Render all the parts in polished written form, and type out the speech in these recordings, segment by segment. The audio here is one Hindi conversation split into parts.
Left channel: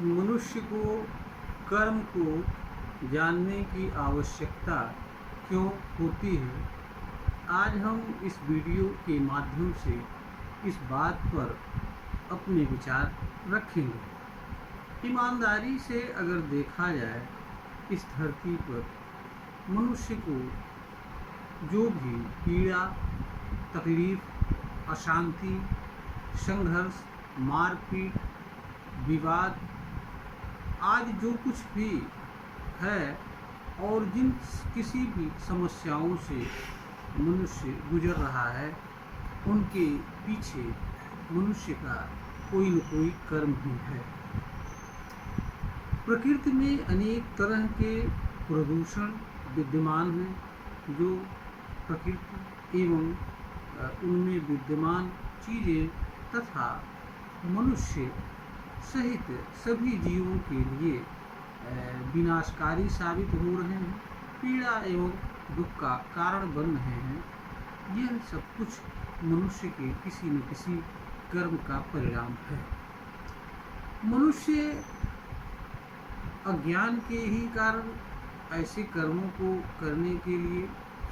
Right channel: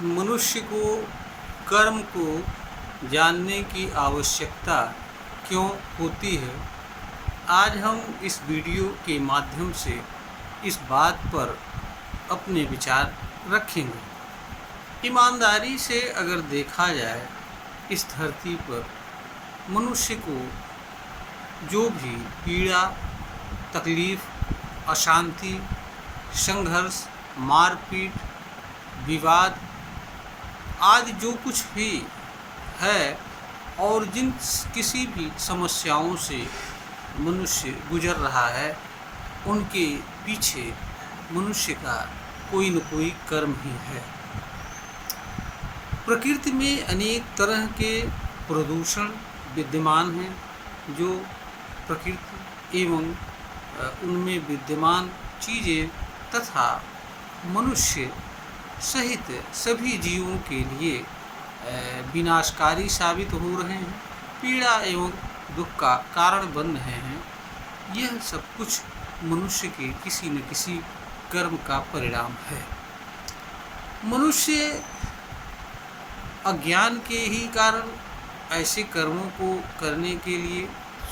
मनुष्य को कर्म को जानने की आवश्यकता क्यों होती है। आज हम इस वीडियो के माध्यम से इस बात पर अपने विचार रखेंगे। ईमानदारी से अगर देखा जाए, इस धरती पर मनुष्य को जो भी पीड़ा, तकलीफ, अशांति, संघर्ष, मारपीट, विवाद आदि जो कुछ भी है और जिन किसी भी समस्याओं से मनुष्य गुजर रहा है, उनके पीछे मनुष्य का कोई न कोई कर्म ही है। प्रकृति में अनेक तरह के प्रदूषण विद्यमान हैं, जो प्रकृति एवं उनमें विद्यमान चीज़ें तथा मनुष्य सहित सभी जीवों के लिए विनाशकारी साबित हो रहे हैं, पीड़ा एवं दुख का कारण बन रहे हैं। यह सब कुछ मनुष्य के किसी न किसी कर्म का परिणाम है। मनुष्य अज्ञान के ही कारण ऐसे कर्मों को करने के लिए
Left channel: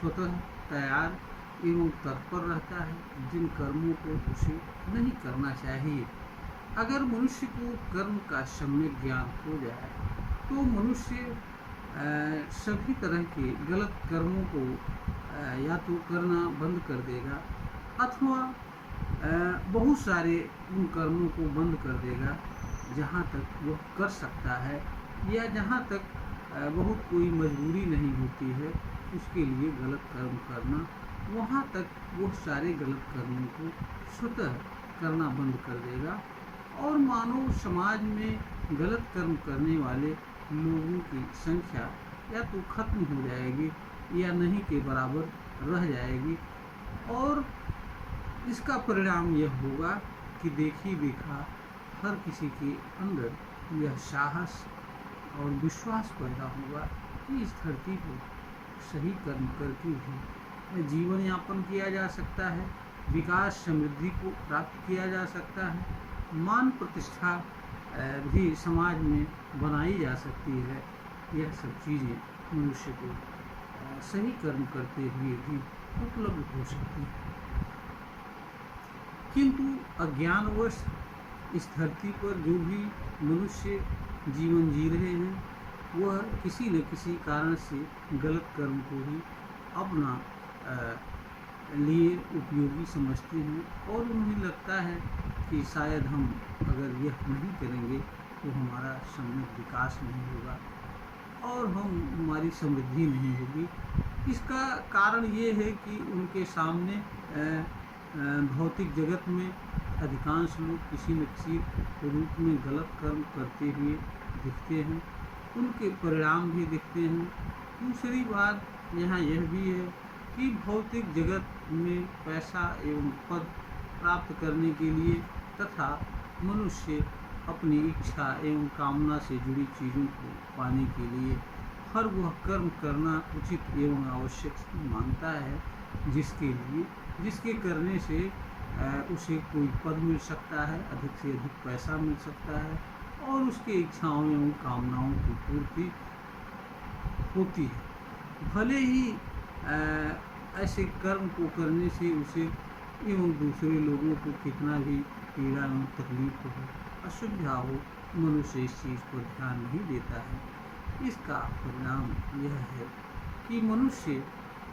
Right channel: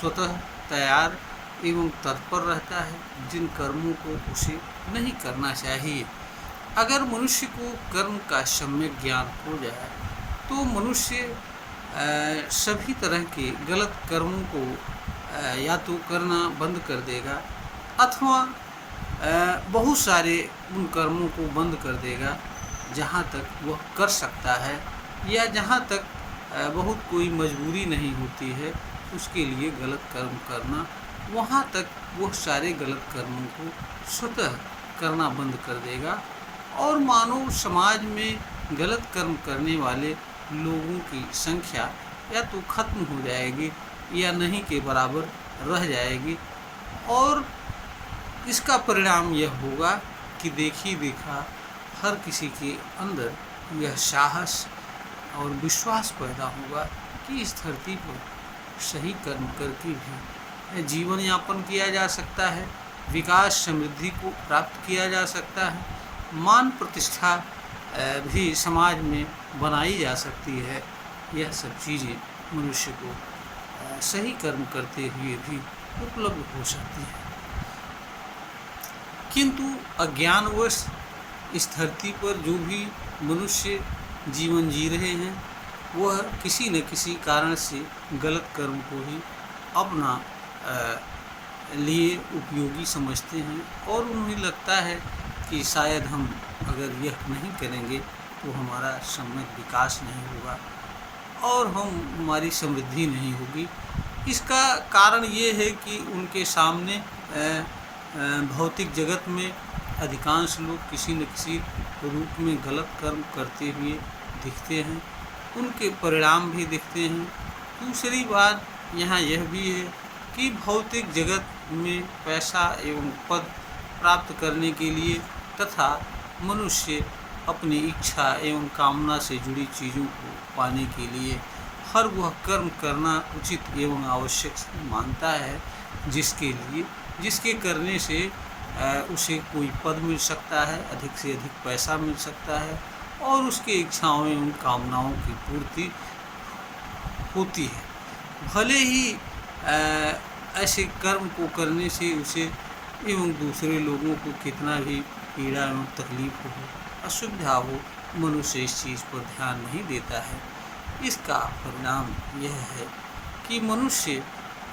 स्वतः तैयार एवं तत्पर रहता है, जिन कर्मों को उसे नहीं करना चाहिए। अगर मनुष्य को कर्म का सम्यक ज्ञान हो जाए तो मनुष्य सभी तरह के गलत कर्मों को या तो करना बंद कर देगा अथवा बहुत सारे उन कर्मों को बंद कर देगा जहाँ तक वह कर सकता है, या जहाँ तक बहुत कोई मजबूरी नहीं होती है उसके लिए गलत कर्म करना, वहाँ तक वह सारे गलत कर्मों को स्वतः करना बंद कर देगा और मानव समाज में गलत कर्म करने वाले लोगों की संख्या या तो खत्म हो जाएगी या नहीं के बराबर रह जाएगी। और इसका परिणाम यह होगा कि देखी देखा हर किसी के अंदर यह साहस और विश्वास पैदा होगा कि इस धरती पर सही कर्म करके भी जीवन यापन किया जा सकता है, विकास समृद्धि को प्राप्त किया जा सकता है, मान प्रतिष्ठा भी समाज में बनाई जा सकती है। यह सब चीज़ें मनुष्य को सही कर्म करते हुए भी उपलब्ध हो सकती है। किंतु अज्ञानवश इस धरती पर जो भी मनुष्य जीवन जी रहे हैं, वह किसी न किसी कारण से गलत कर्म को ही अपना लिए उपयोगी समझते हैं और उन्हें लगता है कि शायद हम अगर यह नहीं करेंगे तो हमारा सम्यक विकास नहीं होगा और हमारी समृद्धि नहीं होगी। इसका कारण ये है कि उनके सामने भौतिक जगत में अधिकांश लोग किसी न किसी रूप में गलत कर्म करते हुए दिखते हैं, उनके परिणाम भी दिखते हैं। दूसरी बात यहाँ यह भी है कि भौतिक जगत में पैसा एवं पद प्राप्त करने के लिए तथा मनुष्य अपनी इच्छा एवं कामना से जुड़ी चीज़ों को पाने के लिए हर वह कर्म करना उचित एवं आवश्यक मानता है, जिसके करने से उसे कोई पद मिल सकता है, अधिक से अधिक पैसा मिल सकता है और उसके इच्छाओं एवं कामनाओं की पूर्ति होती है। भले ही ऐसे कर्म को करने से उसे एवं दूसरे लोगों को कितना भी पीड़ा एवं तकलीफ हो, असुविधा हो, मनुष्य इस चीज़ पर ध्यान नहीं देता है। इसका परिणाम यह है कि मनुष्य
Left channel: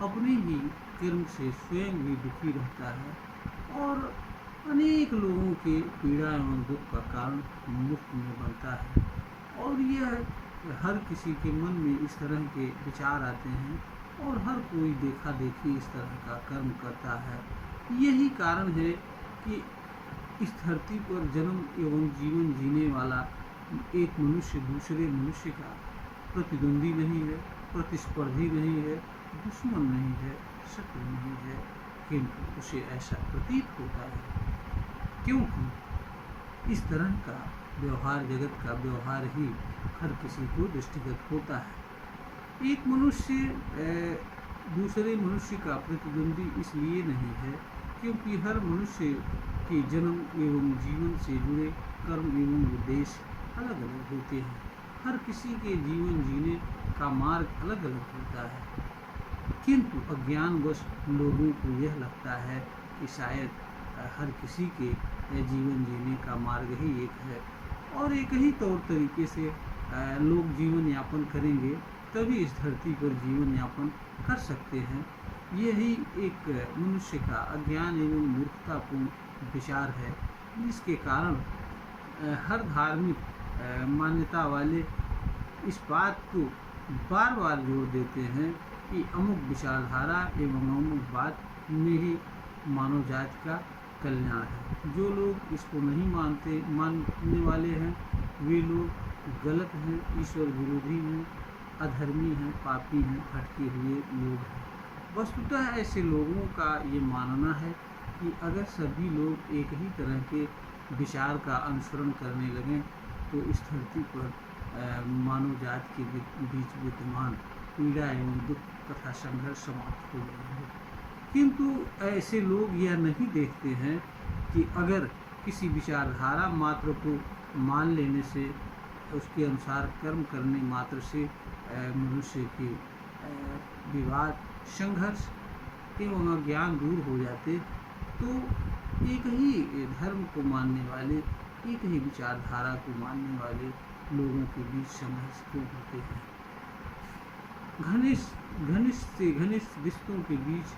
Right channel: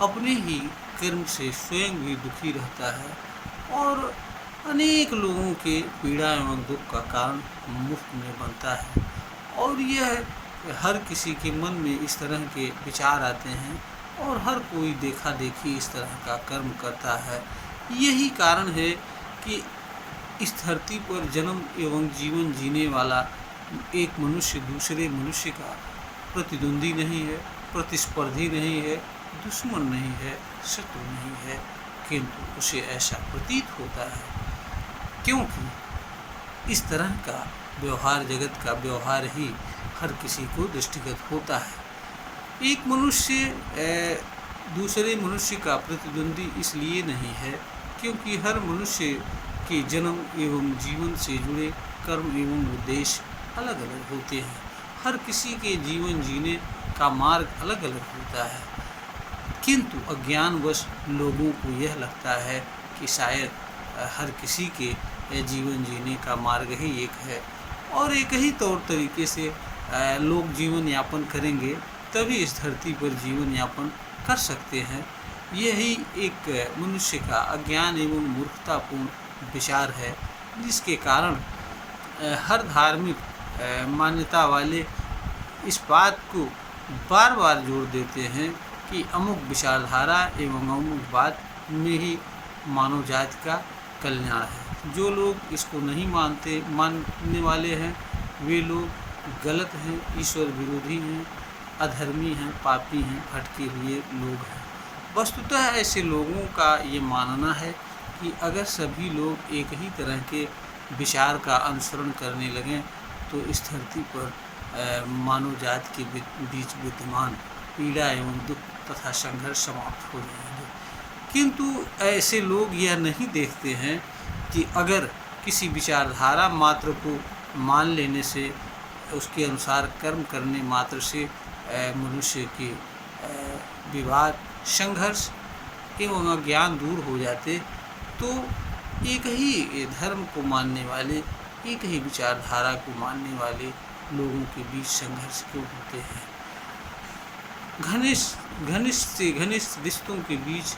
अपने ही कर्म से स्वयं भी दुखी रहता है और अनेक लोगों के पीड़ा एवं दुख का कारण मुफ्त में बनता है। और यह हर किसी के मन में इस तरह के विचार आते हैं और हर कोई देखा देखी इस तरह का कर्म करता है। यही कारण है कि इस धरती पर जन्म एवं जीवन जीने वाला एक मनुष्य दूसरे मनुष्य का प्रतिद्वंदी नहीं है, प्रतिस्पर्धी नहीं है, दुश्मन नहीं है, शत्रु नहीं है, किंतु उसे ऐसा प्रतीत होता है क्योंकि इस तरह का व्यवहार, जगत का व्यवहार ही हर किसी को दृष्टिगत होता है। एक मनुष्य दूसरे मनुष्य का प्रतिद्वंदी इसलिए नहीं है क्योंकि हर मनुष्य के जन्म एवं जीवन से जुड़े कर्म एवं उद्देश्य अलग अलग होते हैं। हर किसी के जीवन जीने का मार्ग अलग अलग होता है, किंतु अज्ञानवश लोगों को यह लगता है कि शायद हर किसी के जीवन जीने का मार्ग ही एक है और एक ही तौर तरीके से लोग जीवन यापन करेंगे तभी इस धरती पर जीवन यापन कर सकते हैं। यही एक मनुष्य का अज्ञान एवं मूर्खतापूर्ण विचार है, जिसके कारण हर धार्मिक मान्यता वाले इस बात को बार बार जोर देते हैं कि अमुक विचारधारा एवं अमुक बात में ही मानव जाति का कल्याण है। जो लोग इसको नहीं मानने वाले हैं वे लोग गलत हैं, ईश्वर विरोधी हैं, अधर्मी हैं, पापी हैं, भटके हुए लोग हैं। वस्तुतः ऐसे लोगों का ये मानना है कि अगर सभी लोग एक ही तरह के विचार का अनुसरण करने लगें तो इस धरती पर मानव जाति के बीच विद्यमान पीड़ा एवं दुख तथा संघर्ष समाप्त हो जाएंगे। किंतु ऐसे लोग यह नहीं देखते हैं कि अगर किसी विचारधारा मात्र को मान लेने से, उसके अनुसार कर्म करने मात्र से मनुष्य के विवाद, संघर्ष एवं अज्ञान दूर हो जाते तो एक ही धर्म को मानने वाले, एक ही विचारधारा को मानने वाले लोगों के बीच संघर्ष क्यों होते हैं। घनिष्ठ से घनिष्ठ रिश्तों के बीच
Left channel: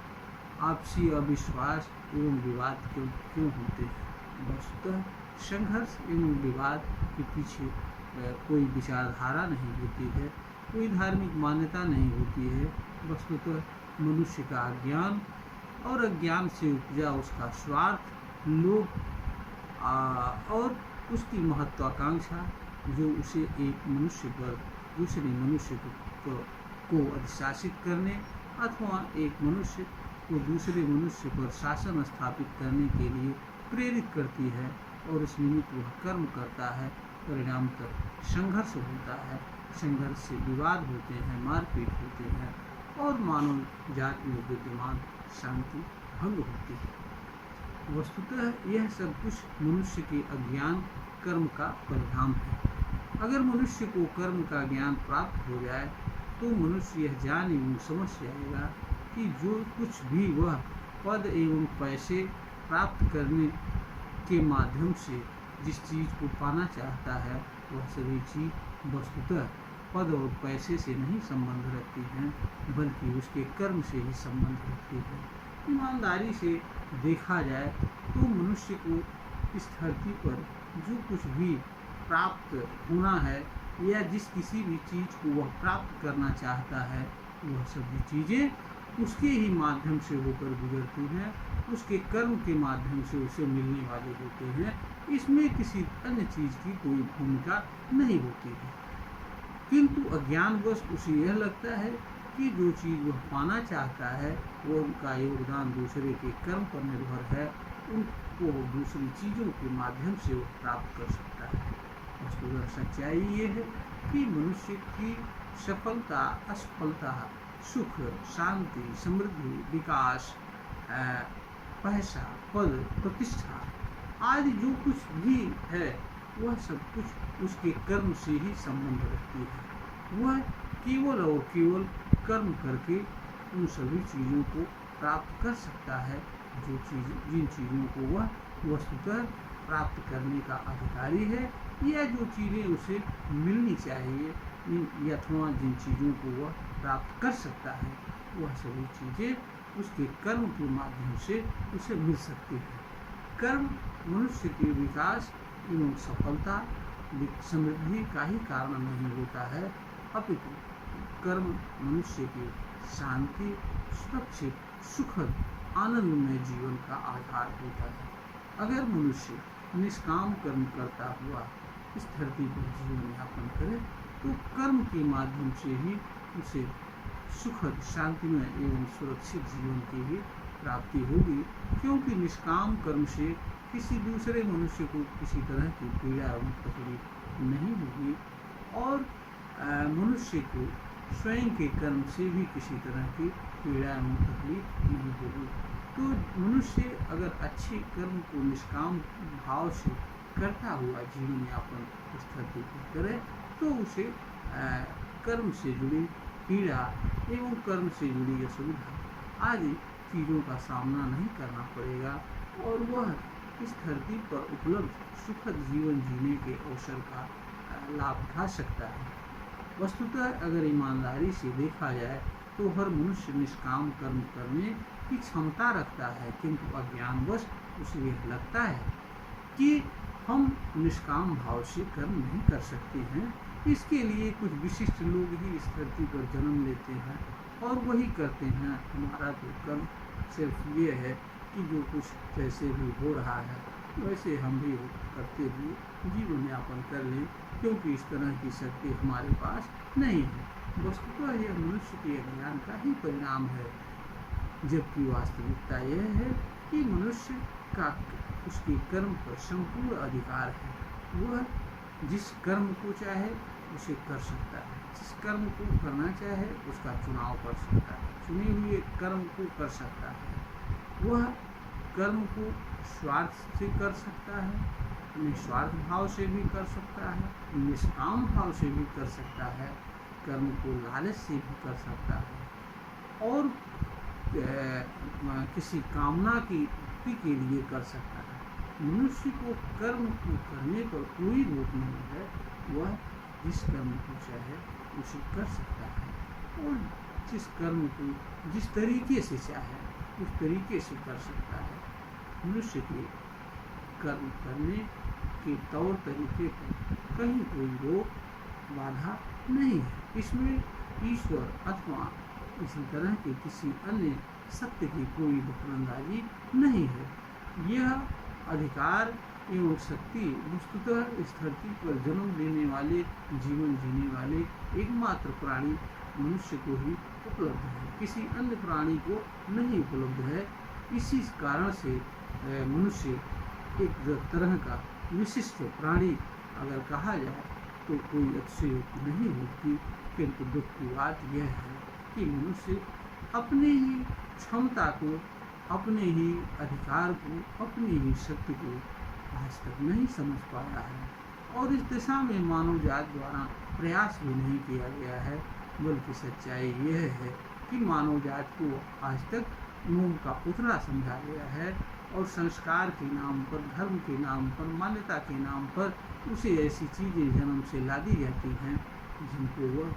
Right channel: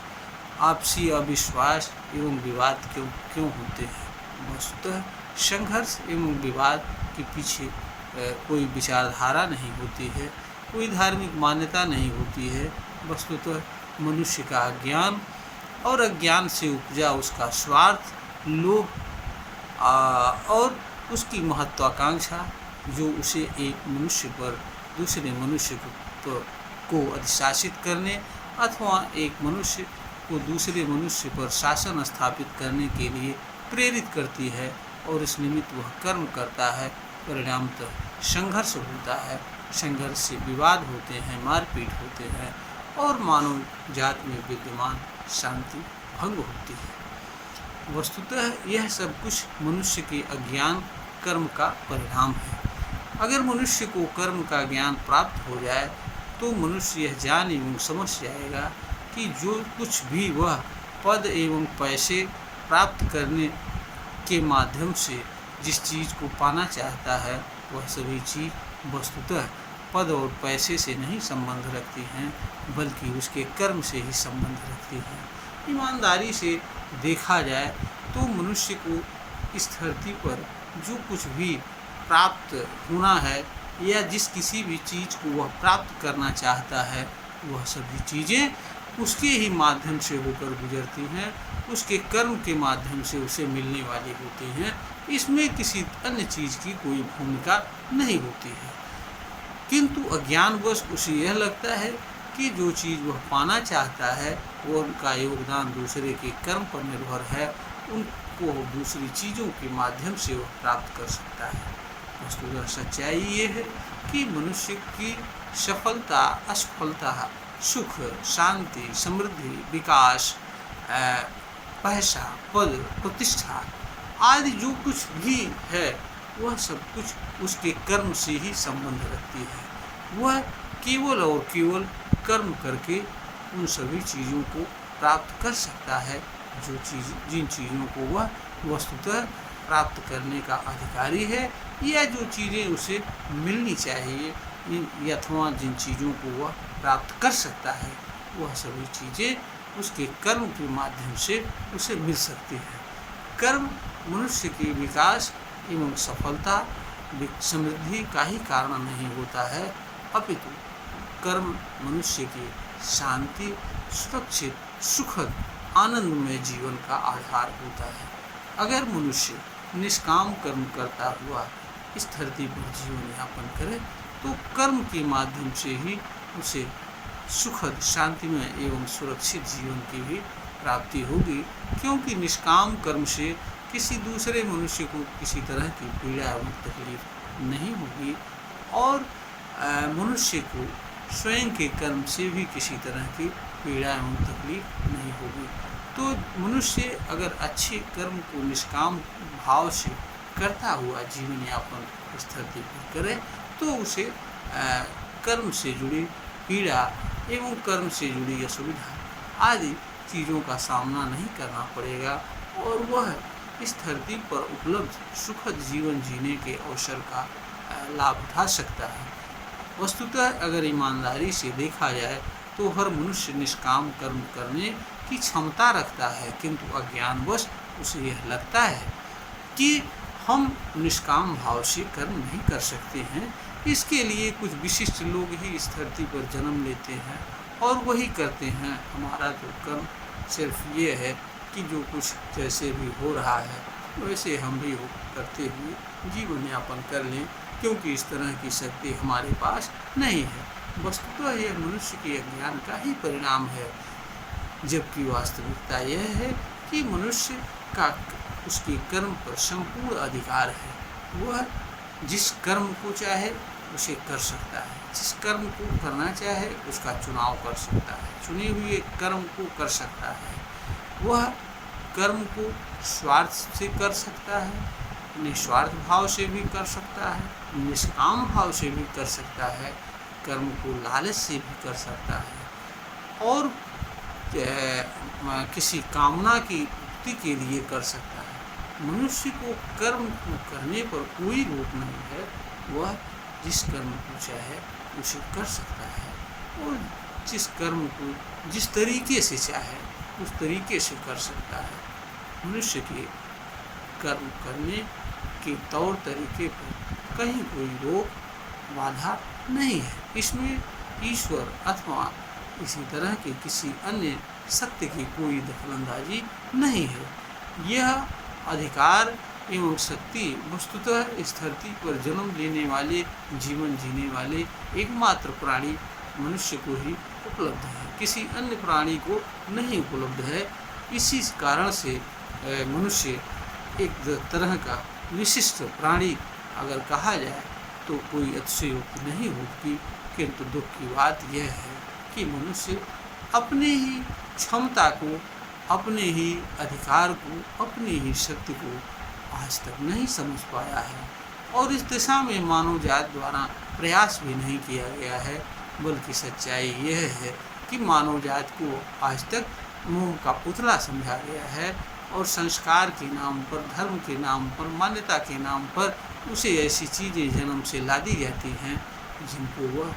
आपसी अविश्वास एवं विवाद क्यों होते हैं। वस्तुतः संघर्ष एवं विवाद के पीछे कोई विचारधारा नहीं होती है, कोई धार्मिक मान्यता नहीं होती है। वस्तुतः मनुष्य का अज्ञान और अज्ञान से उपजा उसका स्वार्थ, लोभ और उसकी महत्वाकांक्षा, जो उसे एक मनुष्य पर दूसरे मनुष्य को अधिशासित करने अथवा एक मनुष्य को दूसरे मनुष्य पर शासन स्थापित करने के लिए प्रेरित करती है और इस निमित्त वह कर्म करता है। परिणामतः संघर्ष होता है, संघर्ष से विवाद होते हैं, मारपीट होते हैं और मानव जाति में विद्यमान शांति भंग होती है। वस्तुतः यह सब कुछ मनुष्य के अज्ञान कर्म का परिणाम है। अगर मनुष्य को कर्म का ज्ञान प्राप्त हो जाए तो मनुष्य यह जान एवं समझ जाएगा कि जो कुछ भी वह पद एवं पैसे प्राप्त करने के माध्यम से जिस चीज़ को पाना चाहता है वह सभी चीज़ वस्तुतः पद और पैसे से नहीं संबंध रखती हैं, बल्कि उसके कर्म से ही संबंध रखती हैं। ईमानदारी से देखा जाए तो मनुष्य को इस धरती पर जो कुछ भी प्राप्त होना है या जिस किसी भी चीज़ को वह प्राप्त करना चाहता है वह सभी चीज़ें उसके ही माध्यम से होकर गुजरती हैं, उसके कर्म के माध्यम से उसे मिलने वाली होती हैं। इसमें किसी अन्य चीज़ की कोई भूमिका नहीं होती है। किंतु अज्ञानवश उसे यह लगता है कि जो चीज़ वह पाना चाहता है वो उनका योगदान दूसरे के कर्म पर निर्भर है, उनको दूसरी चीज़ों के माध्यम से वह प्राप्त कर सकता है। वस्तुतः सच्चाई ये है कि मनुष्य की सफलता, असफलता, सुख, शांति, समृद्धि, विकास, पैसा, पद, प्रतिष्ठा आदि जो कुछ भी है वह सब कुछ उसके कर्म से ही संबंध रखती है। वह केवल और केवल कर्म करके उन सभी चीज़ों को प्राप्त कर सकता है जिन चीज़ों को वह वस्तुतः प्राप्त करने का अधिकारी है, या जो चीज़ें उसे मिलनी चाहिए अथवा जिन चीज़ों को वह प्राप्त कर सकता है वह सभी चीज़ें उसके कर्म के माध्यम से उसे मिल सकती है। कर्म मनुष्य के विकास एवं सफलता, समृद्धि का ही कारण नहीं होता है, अपितु कर्म मनुष्य की शांति, सुरक्षित, सुखद, आनंदमय जीवन का आधार होता है। अगर मनुष्य निष्काम कर्म करता हुआ इस धरती पर जीवन यापन करे तो कर्म के माध्यम से ही उसे सुखद, शांतिमय एवं सुरक्षित जीवन की भी प्राप्ति होगी, क्योंकि निष्काम कर्म से किसी दूसरे मनुष्य को किसी तरह की पीड़ा एवं तकलीफ नहीं होगी और मनुष्य को स्वयं के कर्म से भी किसी तरह की पीड़ा एवं तकलीफ नहीं होगी। तो मनुष्य अगर अच्छे कर्म को निष्काम भाव से करता हुआ जीवन यापन इस धरती पर करे तो उसे कर्म से जुड़ी पीड़ा एवं कर्म से जुड़ी असुविधा आदि चीज़ों का सामना नहीं करना पड़ेगा और वह इस धरती पर उपलब्ध सुखद जीवन जीने के अवसर का लाभ उठा सकता है। वस्तुतः अगर ईमानदारी से देखा जाए तो हर मनुष्य निष्काम कर्म करने की क्षमता रखता है, किंतु अज्ञानवश उसे यह लगता है कि हम निष्काम भाव से कर्म नहीं कर सकते हैं। इसके लिए कुछ विशिष्ट लोग ही इस धरती पर जन्म लेते हैं और वही करते हैं। हमारा तो कर्म सिर्फ ये है कि जो कुछ जैसे भी हो रहा है वैसे हम भी करते हुए जीवन यापन कर लें, क्योंकि इस तरह की शक्ति हमारे पास नहीं है। वस्तुतः यह मनुष्य के अज्ञान का ही परिणाम है, जबकि वास्तविकता यह है कि मनुष्य का उसके कर्म पर संपूर्ण अधिकार है। वह जिस कर्म को चाहे उसे कर सकता है, जिस कर्म को करना चाहे उसका चुनाव कर सकता है, चुने हुए कर्म को कर सकता है। वह कर्म को स्वार्थ से कर सकता है, निस्वार्थ भाव से भी कर सकता है, निष्काम भाव से भी कर सकता है, कर्म को लालच से भी कर सकता है और किसी कामना की पूर्ति के लिए कर सकता है। मनुष्य को कर्म को करने पर कोई रोक नहीं है। वह जिस कर्म को चाहे उसे कर सकता है और जिस कर्म को जिस तरीके से चाहे उस तरीके से कर सकता है। मनुष्य के कर्म करने के तौर तरीके पर कहीं कोई रोक बाधा नहीं है। इसमें ईश्वर अथवा इसी तरह के किसी अन्य सत्य की कोई दखलंदाजी नहीं है। यह अधिकार एवं शक्ति वस्तुतः इस धरती पर जन्म लेने वाले, जीवन जीने वाले एकमात्र प्राणी मनुष्य को ही उपलब्ध है, किसी अन्य प्राणी को नहीं उपलब्ध है। इसी कारण से मनुष्य एक तरह का विशिष्ट प्राणी अगर कहा जाए तो कोई अतिशयोक्ति नहीं होती, किंतु दुख की बात यह है कि मनुष्य अपने ही क्षमता को, अपने ही अधिकार को, अपनी ही शक्ति को आज तक नहीं समझ पाया है और इस दिशा में मानव जात द्वारा प्रयास भी नहीं किया गया है। बल्कि सच्चाई यह है कि मानव जात को आज तक मोह का पुतला समझा गया है और संस्कार के नाम पर, धर्म के नाम पर, मान्यता के नाम पर उसे ऐसी चीज़ें जन्म से ला दी जाती हैं जिनको वह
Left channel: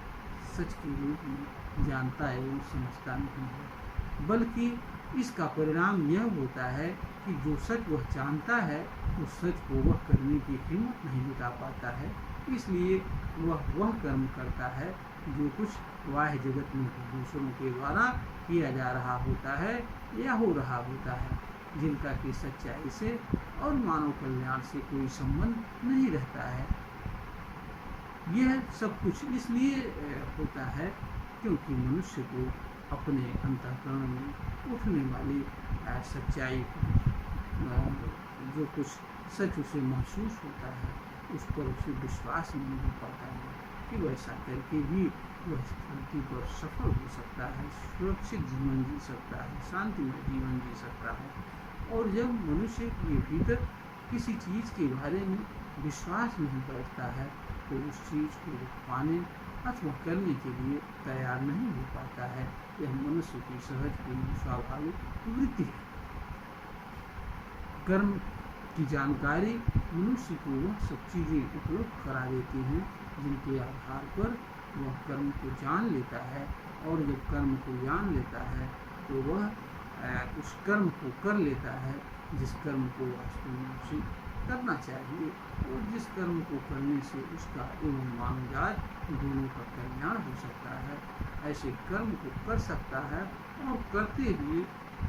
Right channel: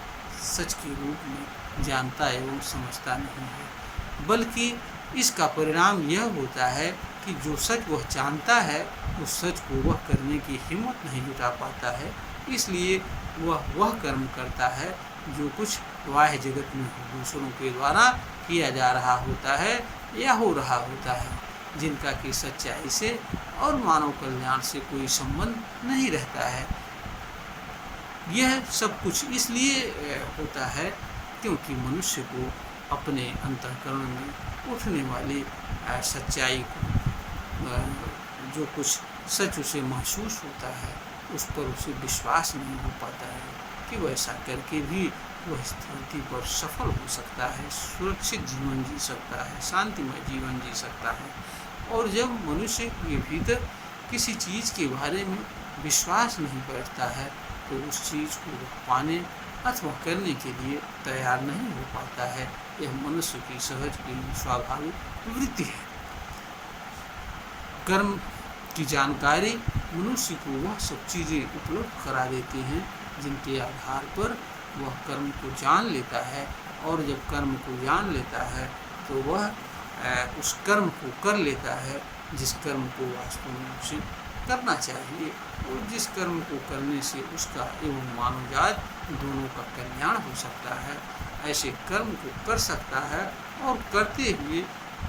सच के रूप में जानता एवं समझता नहीं है। बल्कि इसका परिणाम यह होता है कि जो सच वह जानता है उस सच को वह करने की हिम्मत नहीं जुटा पाता है। इसलिए वह कर्म करता है जो कुछ बाह्य जगत में दूसरों के द्वारा किया जा रहा होता है या हो रहा होता है, जिनका कि सच्चाई से और मानव कल्याण से कोई संबंध नहीं रहता है। यह सब कुछ इसलिए होता है क्योंकि मनुष्य को अपने अंतःकरण में उठने वाली सच्चाई को, जो कुछ सच उसे महसूस होता है उस पर उसे विश्वास नहीं हो पाता है कि वैसा करके भी वह इस धरती पर सफल हो सकता है, सुरक्षित जीवन जी सकता है, शांतिमय जीवन जी सकता है। और जब मनुष्य के भीतर किसी चीज़ के बारे में विश्वास नहीं बैठता है तो उस चीज़ को पाने अथवा करने के लिए तैयार नहीं हो पाता है। यह मनुष्य की सहज एवं स्वाभाविक वृत्ति है। कर्म की जानकारी मनुष्य को वह सब चीज़ें उपलब्ध करा देती हैं जिनके आधार पर वह कर्म को जान लेता है और जब कर्म को जान लेता है तो वह उस कर्म को कर लेता है जिस कर्म को वास्तव में उसे करना चाहिए और जिस कर्म को करने से उसका एवं मानवजात दोनों का कल्याण हो सकता है। ऐसे कर्म को कर सकता है और करते हुए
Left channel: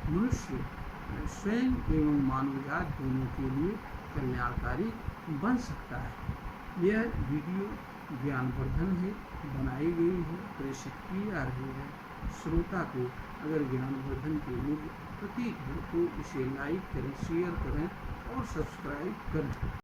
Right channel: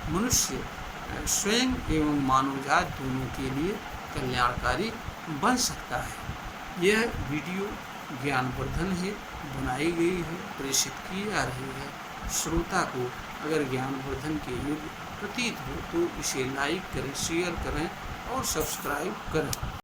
मनुष्य स्वयं एवं मानवजात दोनों के लिए कल्याणकारी बन सकता है। यह वीडियो ज्ञानवर्धन है, बनाई गई है, प्रेषित की जा रही है। श्रोता को अगर ज्ञानवर्धन के युग प्रतीत हो तो इसे लाइक करें, शेयर करें और सब्सक्राइब करें।